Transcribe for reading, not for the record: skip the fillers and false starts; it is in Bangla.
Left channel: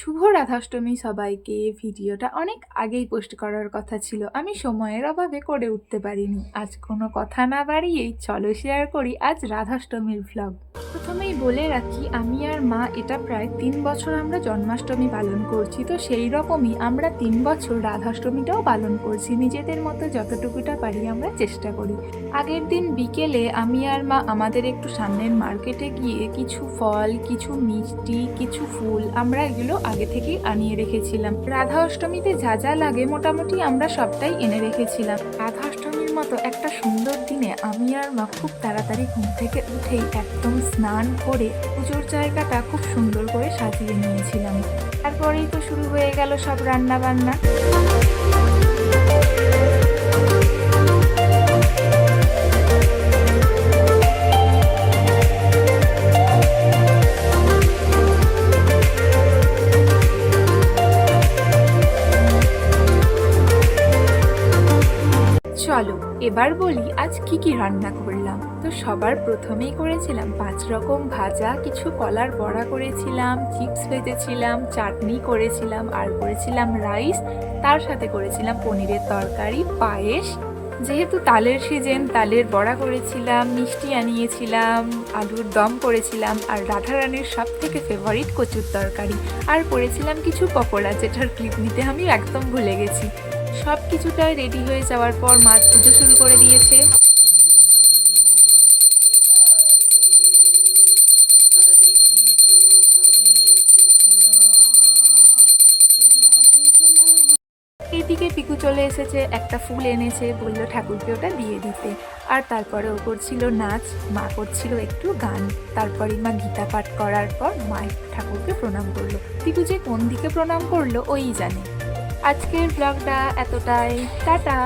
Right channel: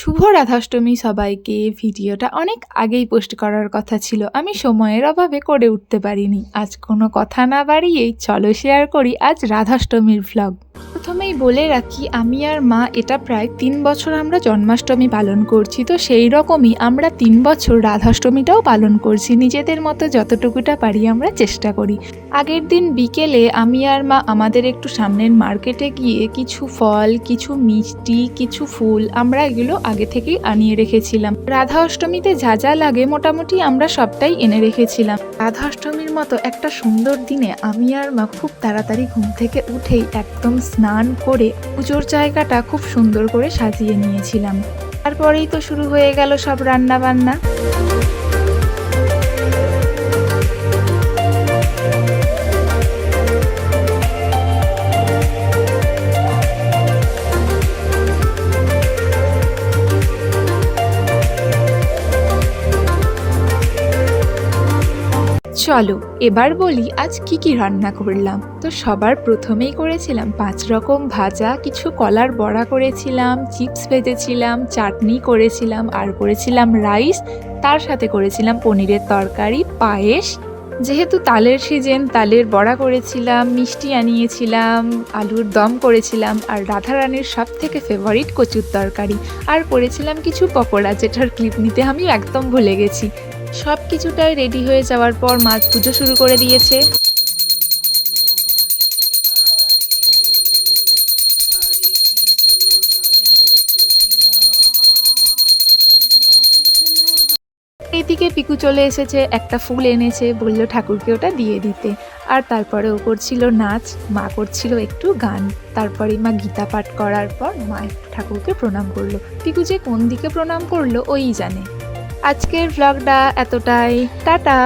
শুভ রাধাষ্টমী সবাইকে। ভিডিওটা অনেক আগেই পোস্ট করার কথা ছিল, আমি সময়ের অভাবে করে উঠতে পারিনি। আজ কোনো কথা না বাড়িয়েই চলো শেয়ার করি আজ রাধাষ্টমীর ভ্লগ। প্রথমেই বলে রাখি, আমি আর মা এটা প্রায় 3 বছর আমরা জন্মাষ্টমী পালন করছি, তো সেই রকমই আমরা 3 বছর রাধাষ্টমীটাও পালন করছি। নিজেদের মতো যতটুকুটা পারি আমরা চেষ্টা করি। আগের দিন বিকেলে আমি আর মা আমাদের একটু সামনের মার্কেটে গিয়ে কিছু ফল, কিছু মিষ্টি, কিছু ফুল আমরা এগুলো আগে থেকেই আনিয়ে রেখেছিলাম। রাধা অষ্টমীতে যা যা লাগে মোটামুটি আমরা সবটাই এনে রেখেছিলাম। রাধা অষ্টমীর মতো একটা সুন্দর দিনে আমি আর মা খুব তাড়াতাড়ি ঘুম থেকে উঠেই একদম স্নান করে পুজোর জায়গাটা খুব সুন্দর করে সাজিয়ে নিয়েছিলাম। তারপরেই তো শুরু হয়ে গেল সব রান্না বান্না। চলো এবার বলি আজ কি কি রান্না করলাম। তো সবার প্রথমেই করেছিলাম 5 রকম ভাজা, কিছু কলার বড়া করেছিলাম, চিপস ভেজেছিলাম, চাটনি করেছিলাম, আর করেছিলাম রাইস। তার সাথে করেছিলাম পনিরের তরকারি, পায়েস। যেহেতু তালের সিজন, তালের বড়া করেছিলাম, মিষ্টি আনিয়েছিলাম, আলুর দম করেছিলাম, আর রাধারানীর সব থেকে ফেভারিট কচুর তরকারি, আর করেছিলাম কিছু পকোড়া, যেটার ক্লিপ নিতে আমি একদম ভুলে গেছি। সব কিছুটাই রেডি হয়ে যাওয়ার পর মা পুজো শুরু করে দিয়েছে। এইদিকে পিকু চলে এসেছে, একটা ফুল এনেছে, বলল ঠাকুরকে ওটা দিয়ে দিতে। আর তারপরে ও করছিল নাচ, মা করছিল একটু গান। তারপরে মা গীতা পাঠ করার পর মা ঠাকুরকে প্রণাম করলো। পিকু যে কোন দিকে প্রণাম করলো ওই জানে। আজকের ভ্লগটা এতটাই, টাটা।